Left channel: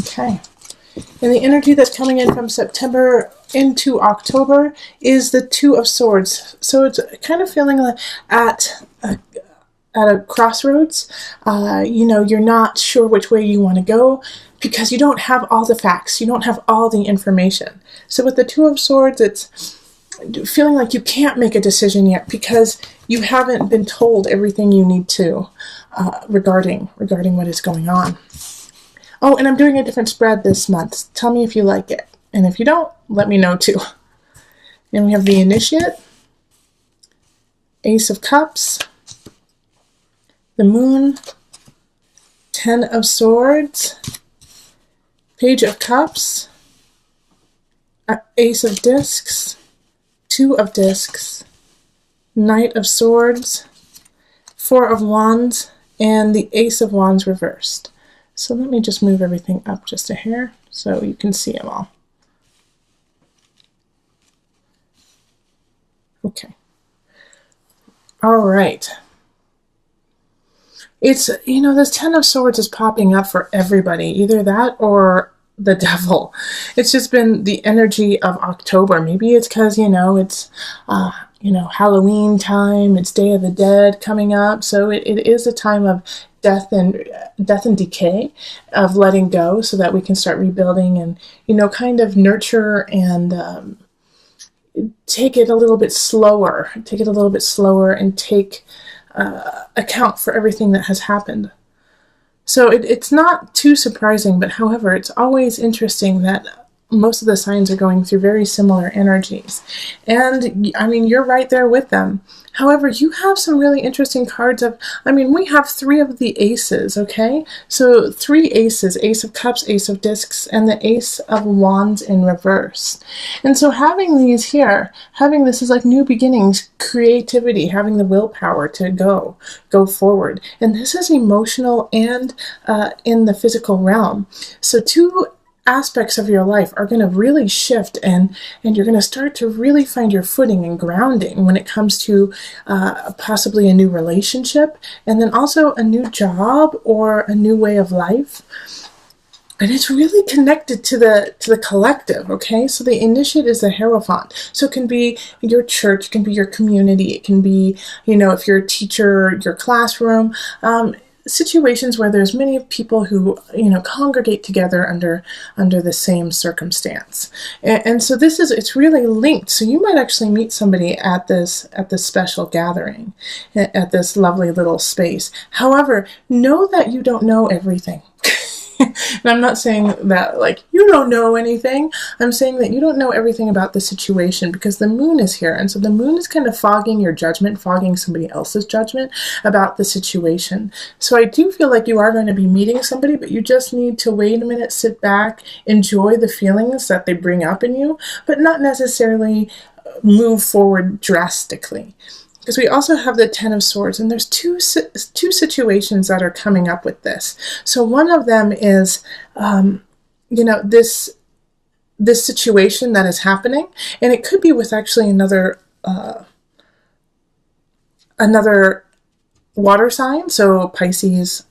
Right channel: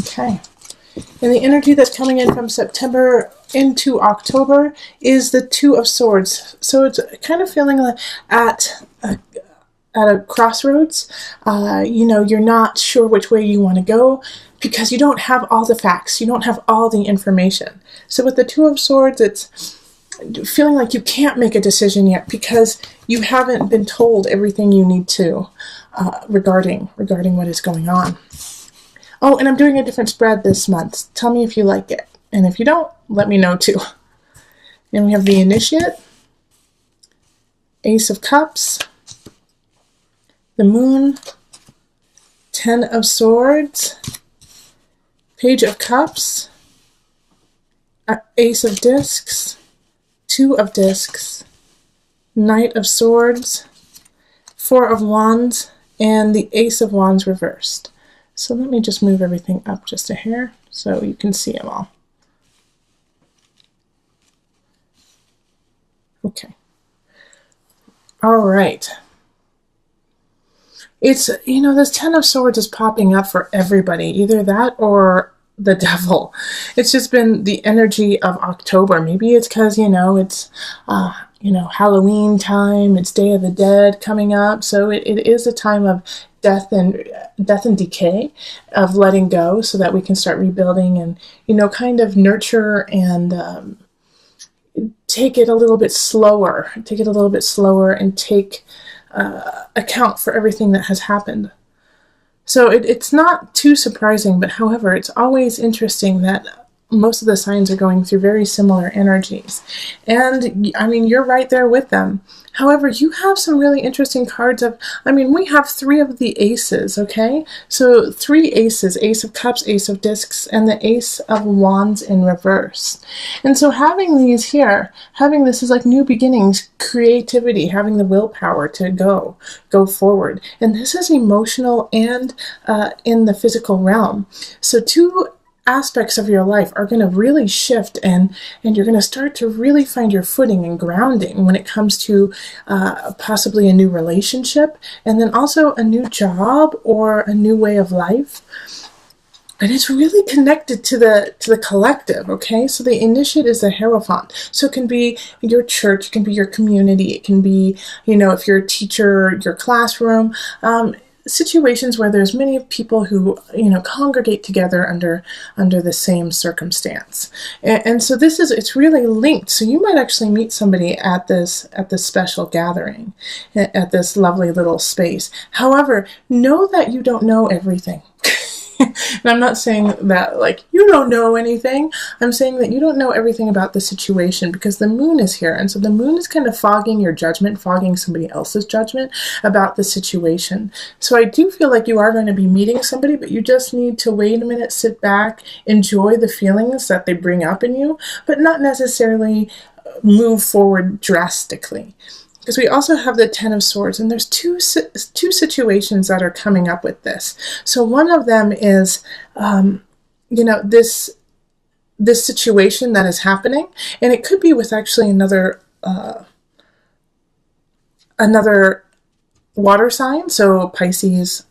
Okay. And the energy that's coming in from September into October is the Two of Swords. So it's kind of feeling like at a crossroads. You're not sure which way you want to go because you don't have all the facts. You don't have all the information. So with the Two of Swords, it's feeling like you can't make a decision yet because you haven't been told everything you need to regarding what is going on. Oh, and I'm doing a different spread this month. Tell me if you like it. And if you don't, let me know too. Then we have the Initiate, Ace of Cups, the Moon, Ten of Swords, Page of Cups, Ace of Discs, Two of Discs, Knight of Swords, Four of Wands, and the Ace of Wands reversed. So let me just move everything up just a hair so you can see them all. Okay. All right. It's, this Ten of Swords is popping up for everybody, either that or the devil. It's just been the energy of October. Maybe it's because, it's, Halloween time, it's Day of the Dead coming up. So it is a time of death and decay, of letting go so that we can start rebuilding and, kind of nurture and take it a little bit slower and take account for everything that has happened. So it's not too surprising, but however, it's always interesting that most of the signs are going through very similar energies. And, you're right there with them. However, you have some really interesting cards we have three of the aces, okay? So 3 aces, Ace of Cups, Ace of Discs, and the Ace of Wands in reverse. And so having these here, having this is like new beginnings, creativity, having the willpower to go forward. And this is emotional and in the physical realm. So 2 aspects of your life are going to really shift and you're going to start to really find your footing and grounding when it comes to possibly a new relationship and then also a new job or a new way of life. And it's really connected to the collective, okay? So the Initiate is the Hierophant. So it can be your church, it can be your community, it can be, if you're a teacher, your classroom, situations where there's many people who, congregate together under the same circumstance. And so it's really linked. So you might actually meet somebody at this special gathering, at this lovely little space. However, know that you don't know everything. And I'm not saying that, you don't know anything. I'm saying that you don't know everything about the situation because the moon is here. And so the moon is kind of fogging your judgment, fogging somebody else's judgment about the situation. So I do feel like you are going to be meeting somebody, but you just need to wait a minute, sit back, enjoy the feelings that they bring up in you, but not necessarily move forward drastically. Because we also have the Ten of Swords, and there's two situations that are coming up with this. So one of them is, this situation that is happening, and it could be with actually another water sign. So Pisces,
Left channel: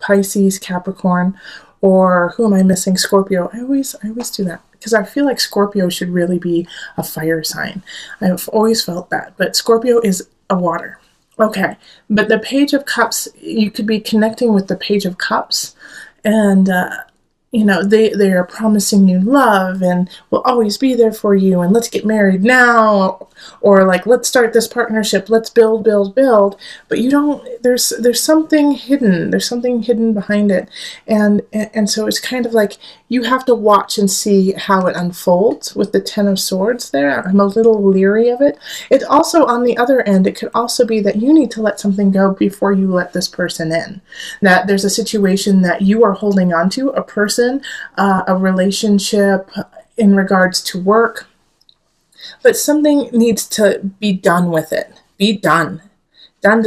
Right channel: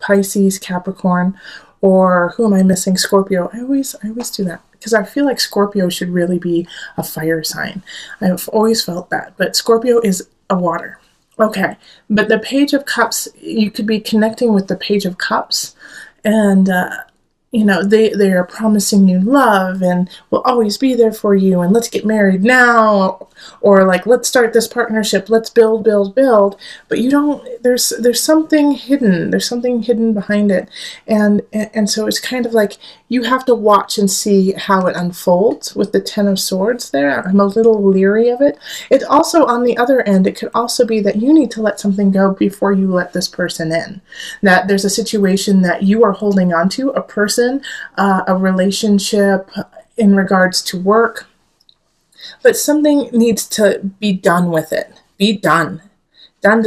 Pisces, Capricorn, or who am I missing? Scorpio. I always do that because I feel like Scorpio should really be a fire sign. I've always felt that, but Scorpio is a water. Okay, but the Page of Cups, you could be connecting with the Page of Cups, and they are promising you love and will always be there for you, and let's get married now, or let's start this partnership, let's build, but you don't, there's something hidden, behind it, and so it's kind of like you have to watch and see how it unfolds with the Ten of Swords there. I'm a little leery of it. It also, on the other end, it could also be that you need to let something go before you let this person in, that there's a situation that you are holding on to, a person, a relationship in regards to work, but something needs to be done with it. Be done, and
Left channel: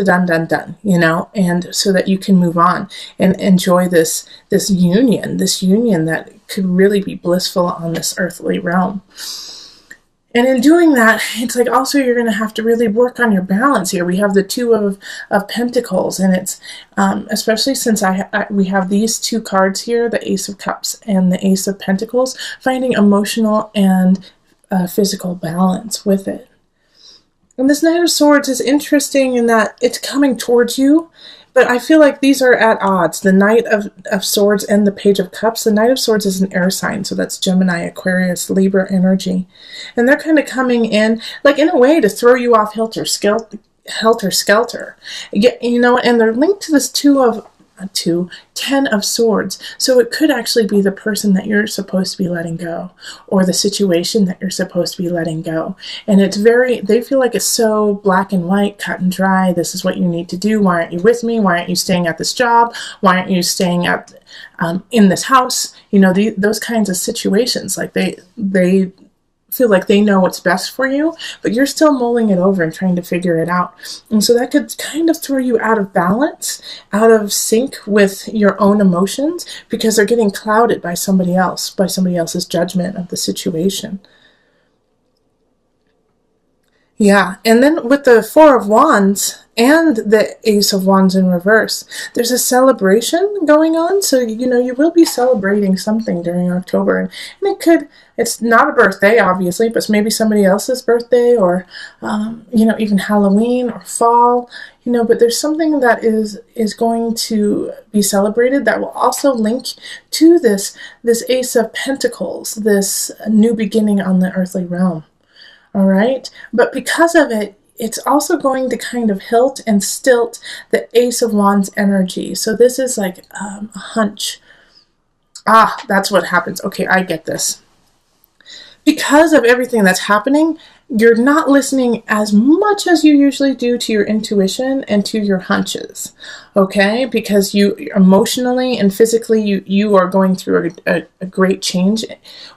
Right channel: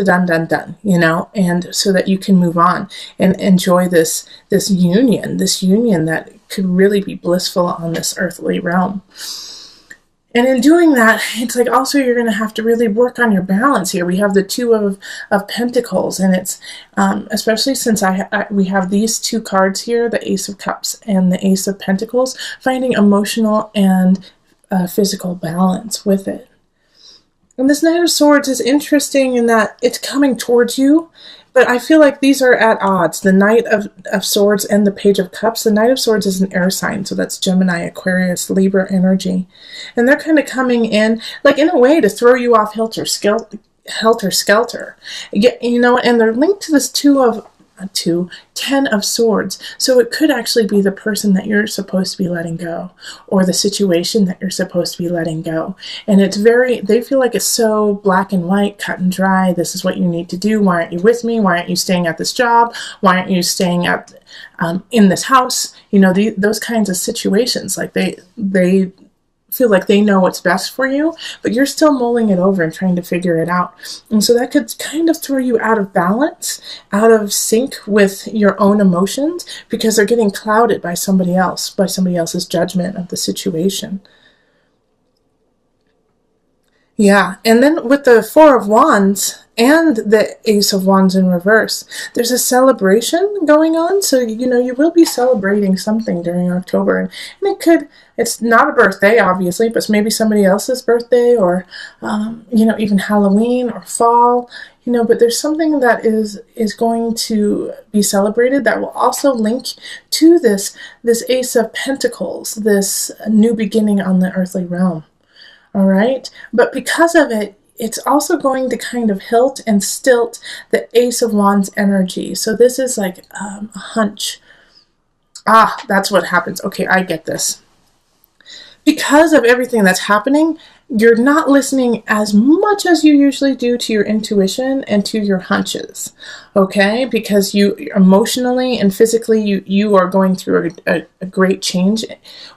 so that you can move on and enjoy this union that could really be blissful on this earthly realm. And in doing that, it's like also you're going to have to really work on your balance here. We have the Two of Pentacles, and it's especially since we have these two cards here, the Ace of Cups and the Ace of Pentacles, finding emotional and physical balance with it. And this Knight of Swords is interesting in that it's coming towards you, but I feel like these are at odds. The Knight of Swords and the Page of Cups. The Knight of Swords is an air sign, so that's Gemini, Aquarius, Libra energy. And they're kind of coming in, like in a way, to throw you off helter skelter. You know, and they're linked to this Ten of Swords. So it could actually be the person that you're supposed to be letting go, or the situation that you're supposed to be letting go. And it's they feel like it's so black and white, cut and dry. This is what you need to do. Why aren't you with me? Why aren't you staying at this job? Why aren't you staying at in this house? You know, those kinds of situations. Like they feel like they know what's best for you, but you're still mulling it over and trying to figure it out. And so that could kind of throw you out of balance, out of sync with your own emotions, because they're getting clouded by somebody else's judgment of the situation. Yeah, and then with the Four of Wands and the Ace of Wands in reverse, there's a celebration going on. So, you know, you will be celebrating something during October. And it's not a birthday, obviously, but it's maybe somebody else's birthday, or, you know, even Halloween or fall, you know, but there's something that is going to be celebrated that will also link to this Ace of Pentacles, this new beginning on the earthly realm. All right. But because of it, it's also going to kind of hilt and stilt the Ace of Wands energy. So this is like a hunch. That's what happens. Okay, I get this. Because of everything that's happening, you're not listening as much as you usually do to your intuition and to your hunches. Okay? Because you emotionally and physically, you are going through a great change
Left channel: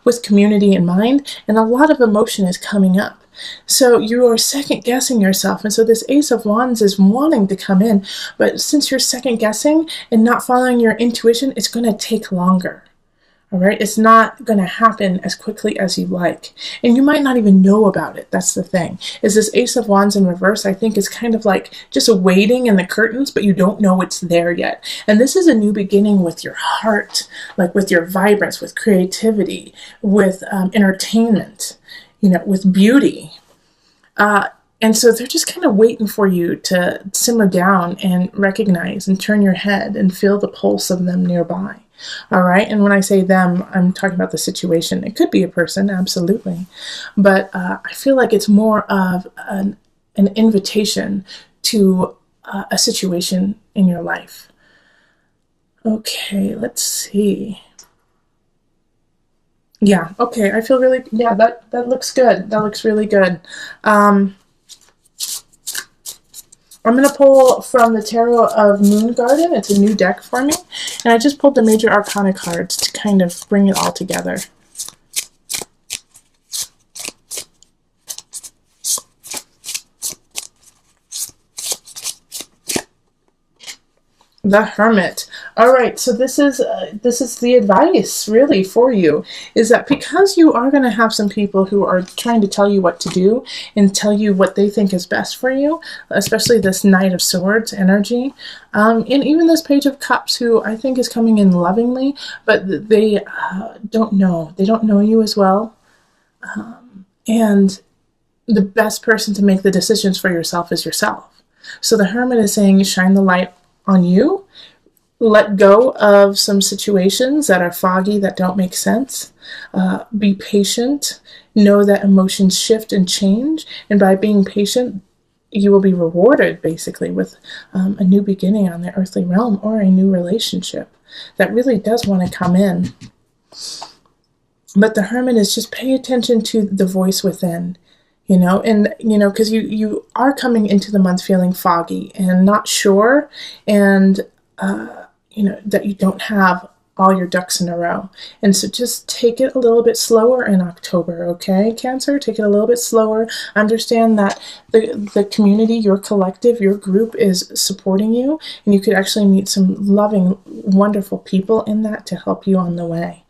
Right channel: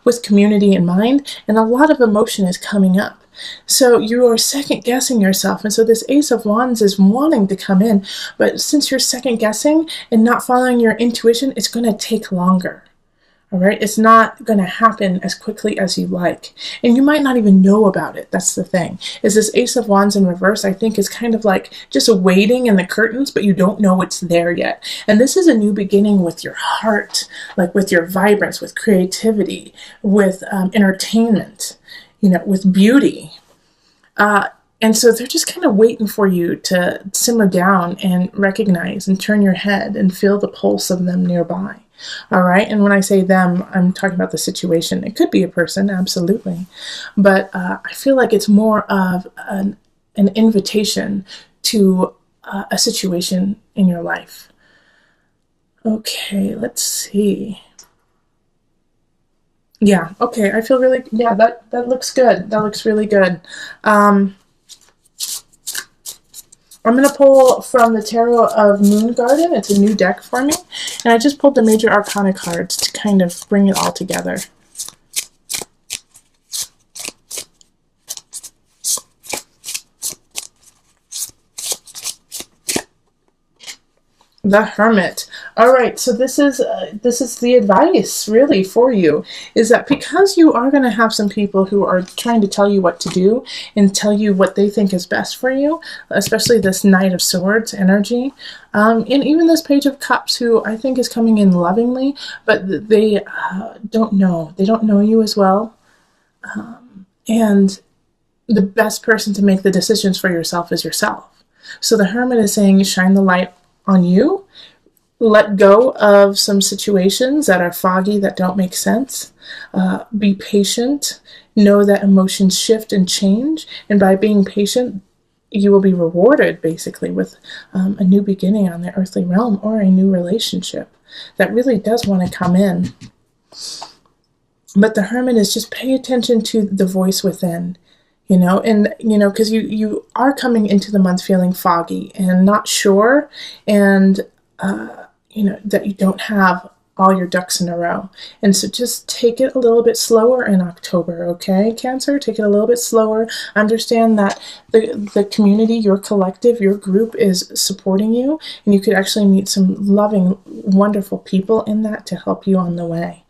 with community in mind, and a lot of emotion is coming up. So you are second guessing yourself. And so this Ace of Wands is wanting to come in, but since you're second guessing and not following your intuition, it's going to take longer. All right. It's not going to happen as quickly as you like. And you might not even know about it. That's the thing. Is this Ace of Wands in reverse, I think, is kind of like just waiting in the curtains, but you don't know what's there yet. And this is a new beginning with your heart, like with your vibrance, with creativity, with entertainment, you know, with beauty. And so they're just kind of waiting for you to simmer down and recognize and turn your head and feel the pulse of them nearby. All right. And when I say them, I'm talking about the situation. It could be a person, absolutely. But I feel like it's more of an invitation to a situation in your life. Okay, let's see. Yeah, okay. I feel really, yeah, that looks good. That looks really good. I'm going to pull from the Tarot of Moon Garden. It's a new deck for me. And I just pulled the Major Arcana cards to kind of bring it all together. The Hermit. All right, so this is the advice really for you, is that because you are going to have some people who are trying to tell you what to do and tell you what they think is best for you, especially this Knight of Swords energy, and even this Page of Cups, who I think is coming in lovingly, but they don't know. They don't know you as well. And the best person to make the decisions for yourself is yourself. So the Hermit is saying, shine the light on you, let go of some situations that are foggy, that don't make sense, be patient, know that emotions shift and change, and by being patient, you will be rewarded basically with a new beginning on the earthly realm, or a new relationship that really does want to come in. But the Hermit is just pay attention to the voice within. You know, and, you know, because you are coming into the month feeling foggy and not sure, and, you know, that you don't have all your ducks in a row. And so just take it a little bit slower in October, okay, Cancer? Take it a little bit slower. Understand that the community, your collective, your group is supporting you, and you could actually meet some loving, wonderful people in that to help you on the way.